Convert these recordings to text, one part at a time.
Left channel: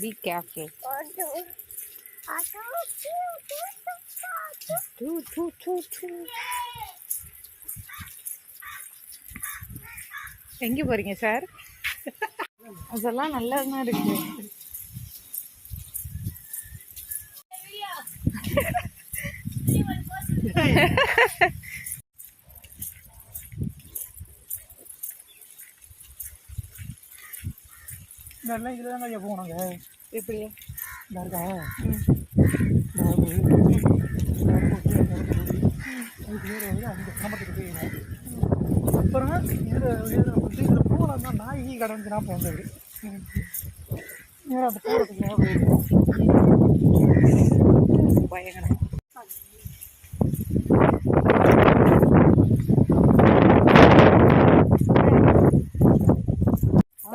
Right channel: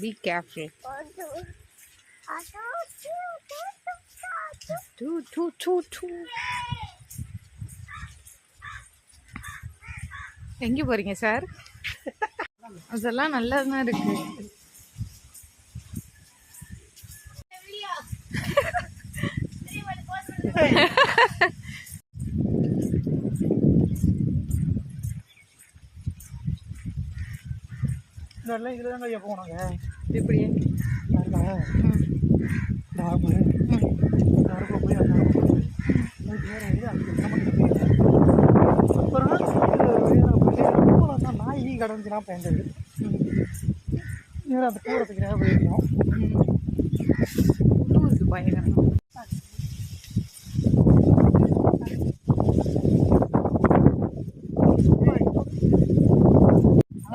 Be careful. எங்கே போறீங்க sir? அதெல்லாம் நல்லதுதான் இருக்கு. இதெல்லாம் இதில் தாங்க ஐயா போனாங்க. எப்படி? அப்புறம் நாய் கடந்துச்சுனா போன்றது நேரம் அந்த போகிறதுக்கு நேரம் போயிருக்கோம். பயங்கரம்.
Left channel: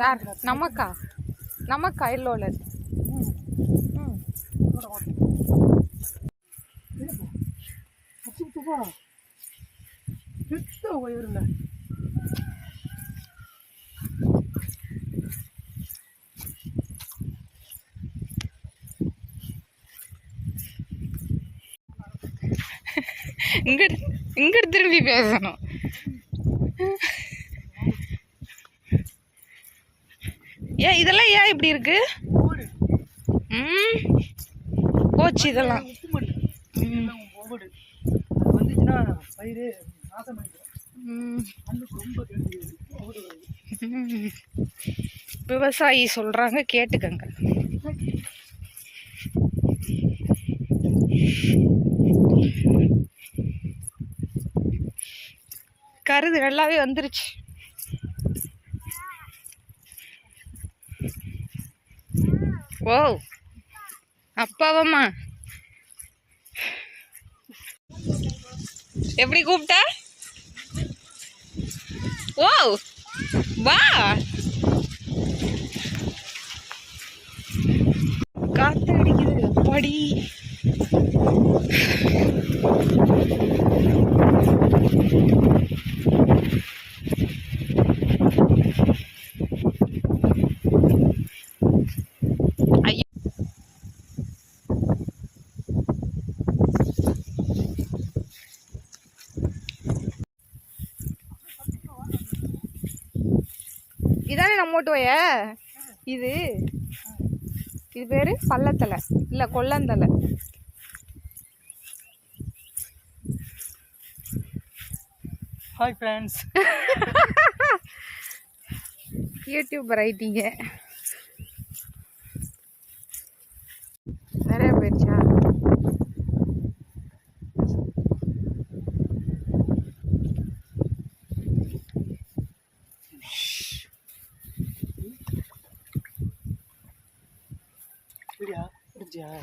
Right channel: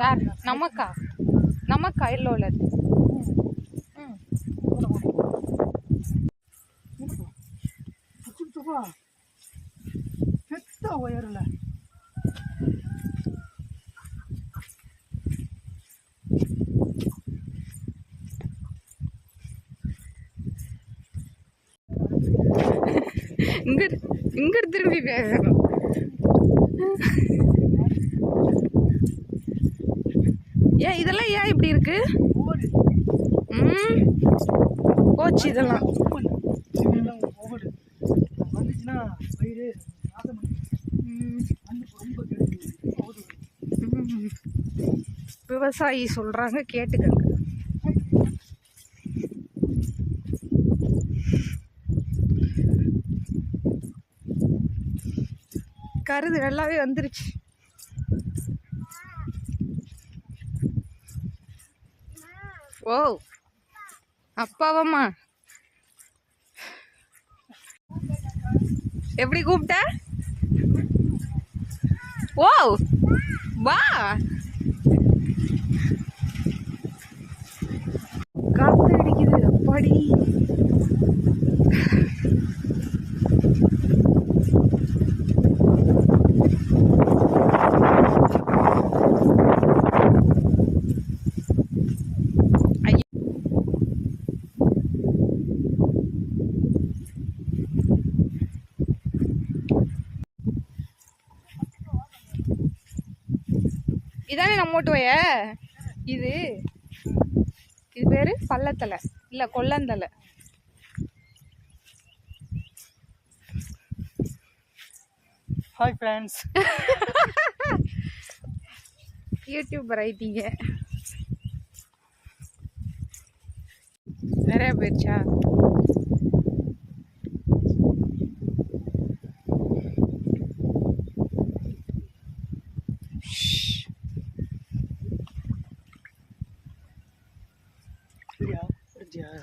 யார்? நமக்கா இல்லோல பெத்த உயரில் இங்கிட்டு திரும்பி பேசணும். ஏன் இதெல்லாம் ஏன் இப்படி இருக்கு? போச்சு இதெல்லாம். வந்துச்சுன்னா பயிர் நாசம் விவசாயி சொல்றாங்க, கேட்டுக்கங்க. கருது நல்லாவே வந்துருச்சு. ஓ அப்பாவம்மா எப்படி கூப்பிட்ட? ஓ வா. காத்து அடிக்குது அப்பாடி. இதானே நம்ம ஓட்டுவைய? இது பேரு பள்ளத்தலை இல்ல கொல்லந்தலை. Hi friends. யூடியூபர் ஆயிட்டீங்க. நிறைய போயிடுச்சா?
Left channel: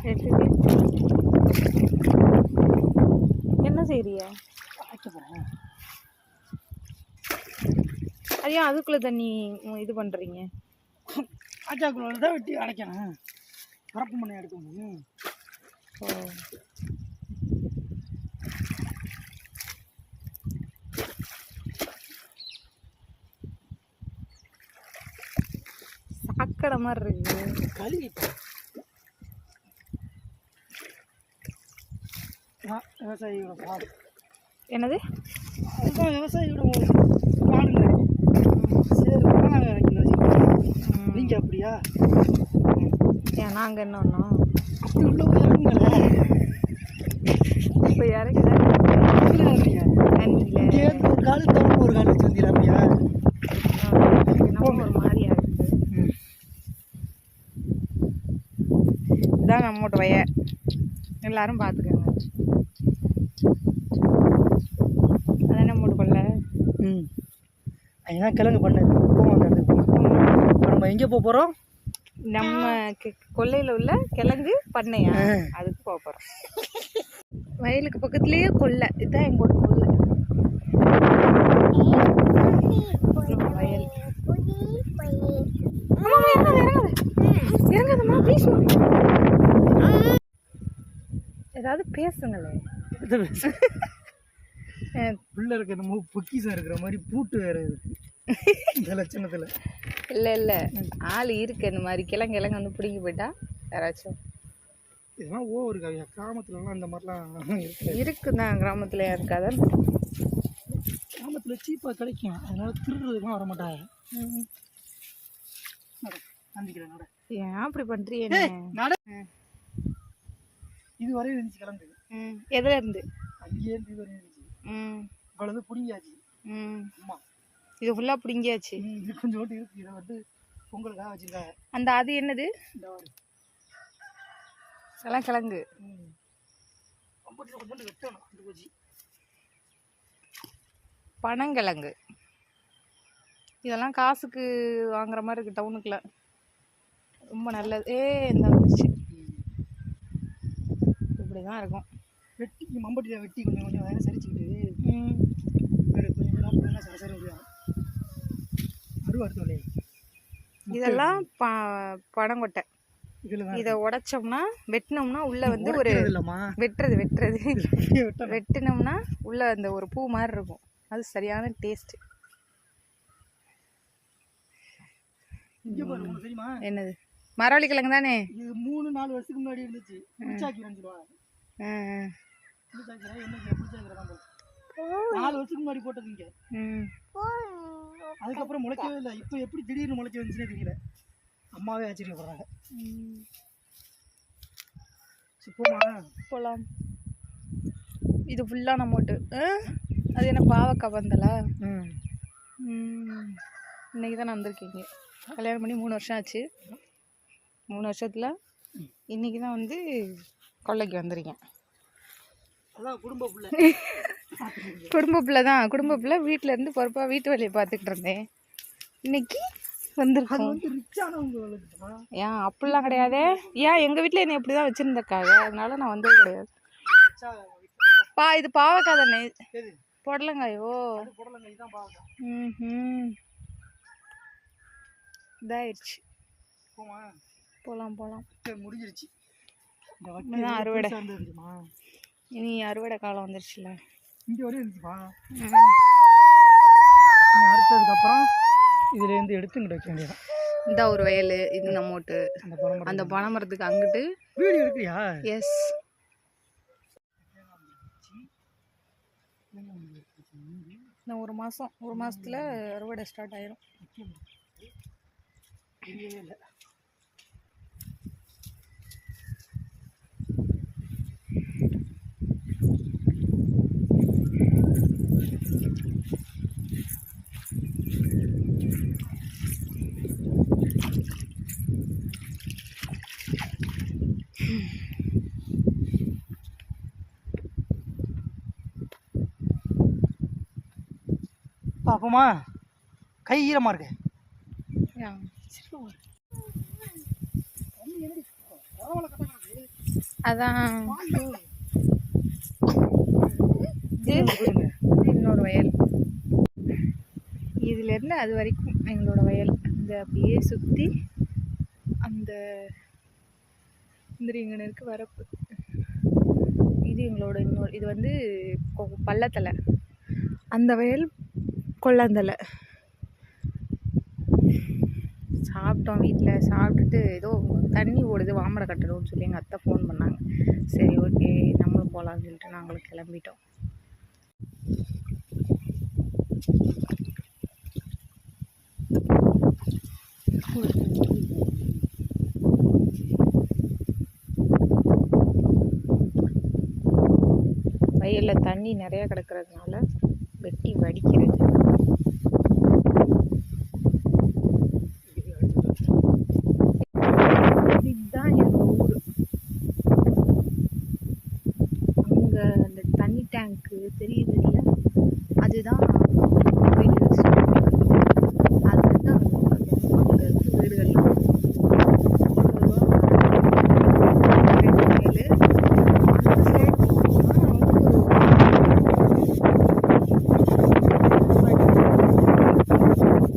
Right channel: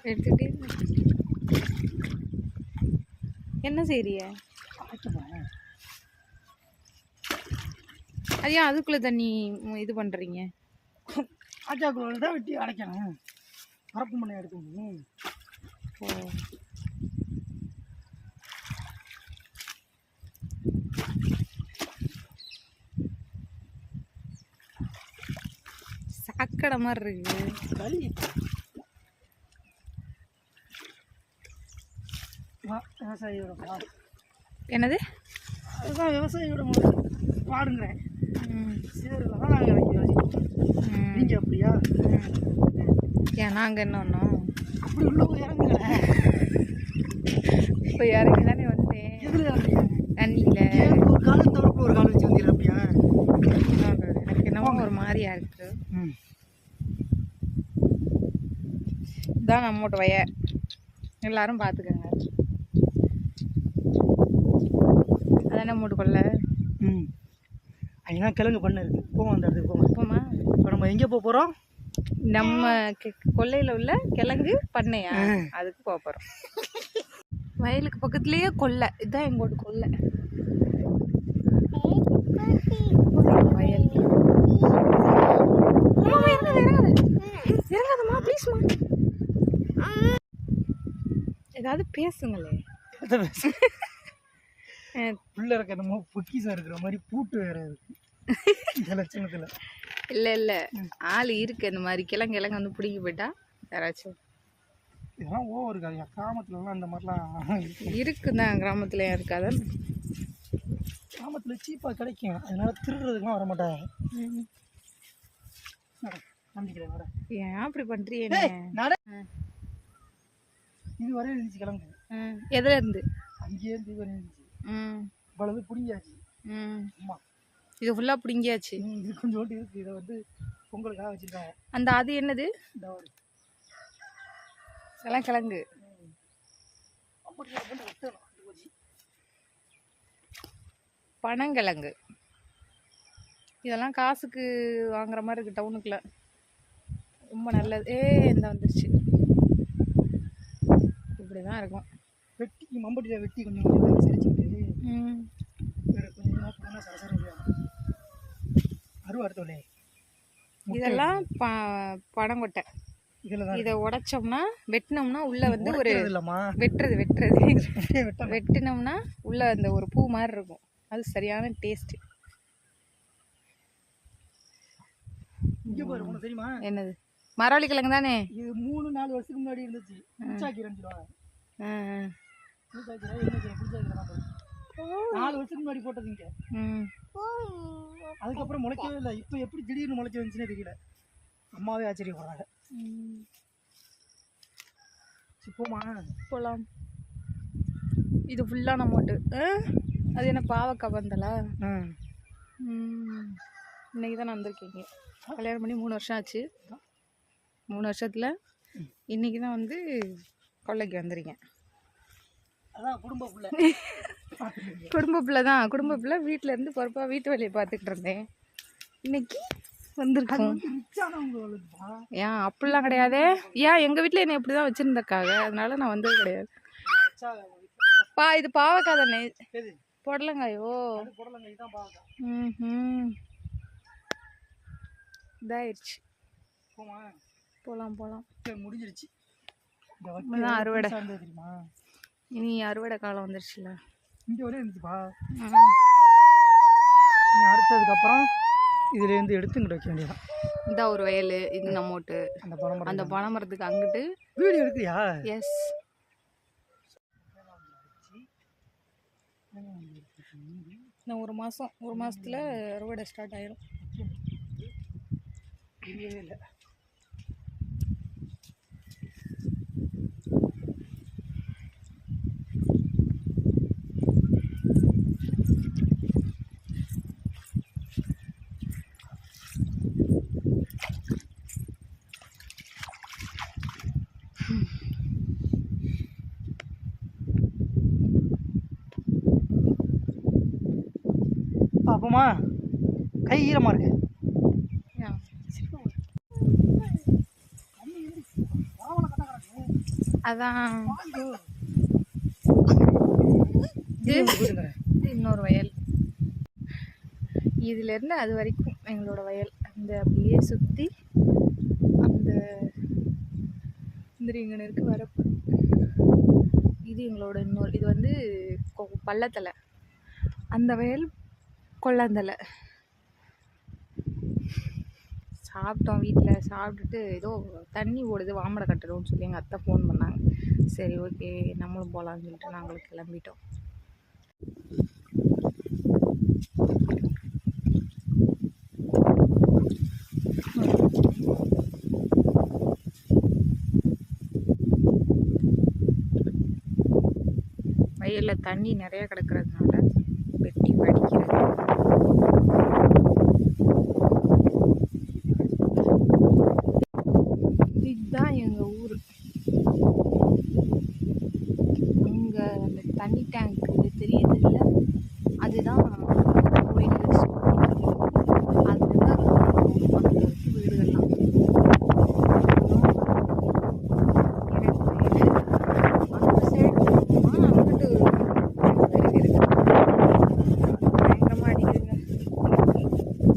எடுத்துட்டு என்ன செய்றிய? ஐயா அதுக்குள்ள தண்ணி இது பண்றீங்க? ஆச்சாக்குள்ள தான் வெட்டி அடைக்கணும். பரப்பு மண்ணை எடுக்கணும். ஓ சாக்கடை மாதிரி இருக்கு. களி விவசாயியோட பாடு. என்னது? அதுதான் விவசாயியோட பாடுங்க. சரி நாங்கள் இறக்கி வச்சுக்கோங்க. நீங்கள் அப்படியா? ஏன் நாங்கள் என்ன ஒன்றும் அப்படி உள்ள போய் இறங்குங்க. இப்போ இறங்குதான் தண்ணியில் ஒரு காலு தவிர ஒரு காலு வச்சு வந்தீங்க அப்படியா? என்னமோ ஒரு மாதிரியா இருக்கு. இதான் நம்மோட வய. எல்லாரும் பார்த்துக்கோங்க. அதானே மூடு கொள்ள. அதுதான் கிழங்கு பண்ண போவோம். அந்த இடத்துக்கு போவோம். இப்போ நம்ம எங்கே போக போகிறோம்? நம்ம கொல்லையில் உள்ள கிழங்கு பண்ணையா, அதுக்கு போக போகிறோம். வயலுக்கு பக்கத்துலேயே கொல்லை. இதுதான் எங்களோட கொல்லை. வயல். இறங்காதம்மா ப்ளீஸ். ஏதாவது பேசுங்களே. உள்ள இருக்க நம்ம பொக்கிசா இருக்கிற மாதிரி பூட்டு வேற இருக்கு இந்த லட்சணத்துல. இல்லை ஆள் இருக்கு இந்த மாதிரி கிழங்கு வந்து பிடிங்கி போயிட்டா யாராச்சும் இதெல்லாம் ஓவர் இருக்காது கிராமத்துலலாம் அந்த மாதிரிலாம் இருக்குதான் கிராமத்துல இருக்காதான் கிராமத்தில் சீப்பாக கிடைக்கும் அதனால திருடுறதுக்குலாம் வர மாட்டாங்க நம்பிக்கிறேன் நட ஏன் அப்படி பண்றியே நட இது வரையும் இருந்துச்சு கிழங்கு எதுல இருந்து அங்கேயே இது வரையும் இருந்துச்சு இவ்வளவு பிடிங்கியாச்சு ஆமா இது ஃபுல்லா பிடிங்கியாச்சு இது கொஞ்சோண்டு இருக்கு இதை வந்து பொங்கலுக்காக வச்சிருக்காங்க அந்த அது என்னது எல்லாம் கிழங்கு பனங்கிழங்கு இதெல்லாம் காசுக்கு வாங்குற மாதிரி இருக்கு டவுனுக்குள்ள ரொம்ப நல்லது இந்த வந்துருச்சு இப்படிதான் இருக்கும் வெட்டி மம்பட்டியில் வெட்டி கொஞ்சம் கொஞ்சம் வேலை சரிச்சுட்டு வேறு கொஞ்சம் சரசரம் அருவா அடுத்தவனே இதெல்லாம் பனங்கொட்டை இதை உடைச்சோம்னா வெட்டினோம்னா உள்ள வந்து ஒரு வெட்டினோம்னா உள்ள அந்த ஒரு பூ மாதிரி இருக்கும் அது சரியான டேஸ்ட் தெரியுமா என்னது மரவள்ளி கிழங்கு தானே இது 3-4 வருஷத்துக்கு முன்னாடி இருந்துச்சு 4 வருஷத்துக்கு முன்னாடி போட்டது இங்க அதுக்கப்புறம் முளைக்கவே இல்லை இப்போ எப்படி திடீர்னு முளைக்க வந்துச்சுன்னே தெரியல அம்மாவே ஆச்சரியப்படுறாங்க போலாம் இது ஃபுல்லாக நம்மோட்டு அது என்ன பாவக்காய் வந்தலா இன்னைக்கு தான் வந்திருக்கீங்க கல்யாணம் பண்ணி 3 வருஷம் ஆச்சு 3 வருஷத்தில் இன்னைக்கு தான் வந்து கொள்ளைக்கு வந்துருக்கேன் அதான் குடும்ப பிள்ளை குடும்ப பிள்ளை வீட்டில் இருந்து பொறுப்பாக வீட்டு வேலையை பார்த்துக்கிட்டு இருந்தேன் இன்னைக்கு வந்திருக்கோம் ஏன் அப்படிலாம் கிடையாது ஏன் எங்கள் வீட்டில் என்னை எப்படி தான் வச்சுருந்தக்காக அதனால நான் வந்தது கிடையாது இது பாவக்காய் தானே புடலங்காயோ இதாயிடுச்சு போகலாம் முடிஞ்சிருச்சு அறுவடை இனி அறுவடை காலம் வந்துருச்சுல இங்கே வரையும் இருந்துச்சுப்பா அறுத்ததுக்கப்புறம் இதுலேருந்து எடுத்து இங்கிட்ட வைக்க வேண்டியதான் இந்த ஒரு வயல் இது நம்மோட்டு அந்த பனை மரத்துக்கு அங்கிட்டு வீடியோ எடுக்கிறியா எஸ் இன்னும் ஒரு மாதத்தில் அறுவடை ஸ்டார்ட் ஆயிரும் இல்லை பாப்போமா கை ஈரமாக இருக்கு அதான் இன்னொரு வயல் இதுலேருந்து அது வரைக்கும் எங்களோட வயல் அந்த அப்படியே சுற்றி அந்த இங்கே இருக்கு வரப்பு இது எங்களோட இது வந்து பள்ளத்தலை அந்த வயல் கொள்ளந்தலை சாப்பிட்டோம் வீட்டில் சாப்பிட்டுட்டு ஏதோ தண்ணி ஓடுது வாமடை கட்டணும்னு சொல்லி எங்கள் அத்தை ஃபோன் பண்ணாங்க சரி ஓகே நம்மளும் போகலான்னு சொல்லிட்டு நாங்களும் கிளம்பிட்டோம் வயலில் தண்ணி நிறையா கிடக்கிறதுனால வெட்டி வடிக்கிறது இதுதான் எங்கள் ஊர் அங்கே அந்த தண்ணி டேங்க்கு தெரியுது இல்லை அதுதான் அதுதான் அங்கே இருக்கு வீடுகள்லாம்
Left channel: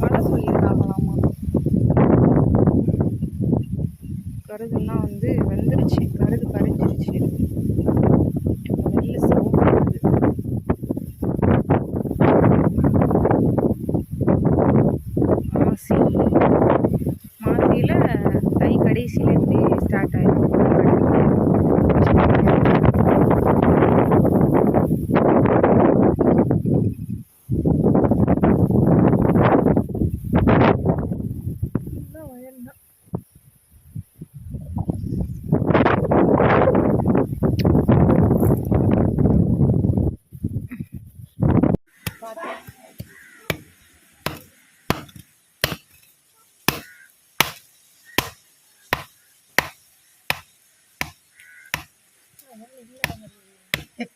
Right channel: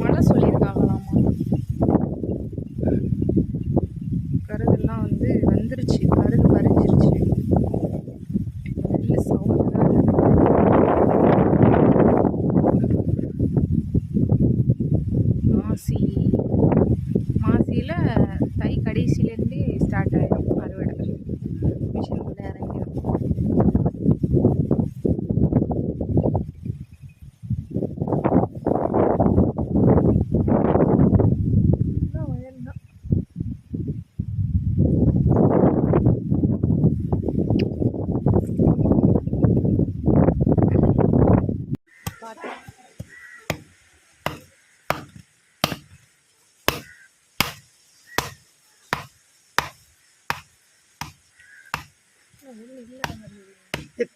மழை சொல்லியிருக்காங்களாமா கருதெல்லாம் வந்து வந்துருச்சு கருது பறிஞ்சிருச்சு நெல் சவுண்ட் மாசி கடைசியிலேருந்து ஸ்டார்ட் ஆகிடும்.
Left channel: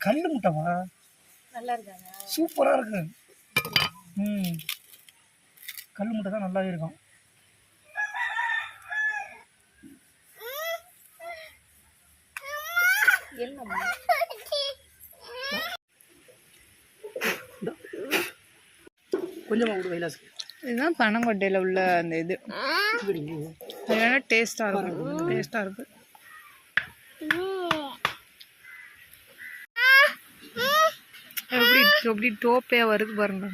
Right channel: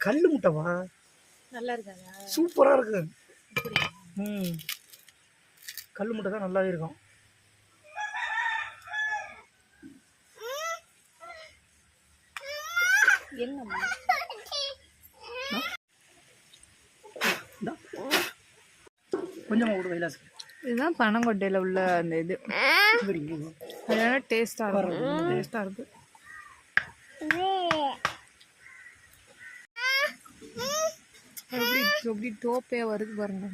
கல் முட்டைவா நல்லா இருக்காங்க, சூப்பராக இருக்கு. கல் முட்டை தான் நல்லாவே இருக்கும். கொஞ்சமாக விடு கைலாஸ். இதுதான் பனங்கொட்டையில் உள்ள அந்த இது. அது வேணால் டேஸ்ட்டாக இருக்கும், டேஸ்ட்டாக இருக்குது. எப்படி டோப்பையாக வருது பாருங்க.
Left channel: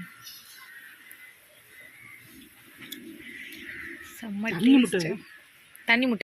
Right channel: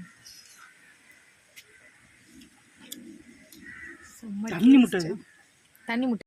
செம்ம தண்ணி முட்டை. தண்ணி முட்டை.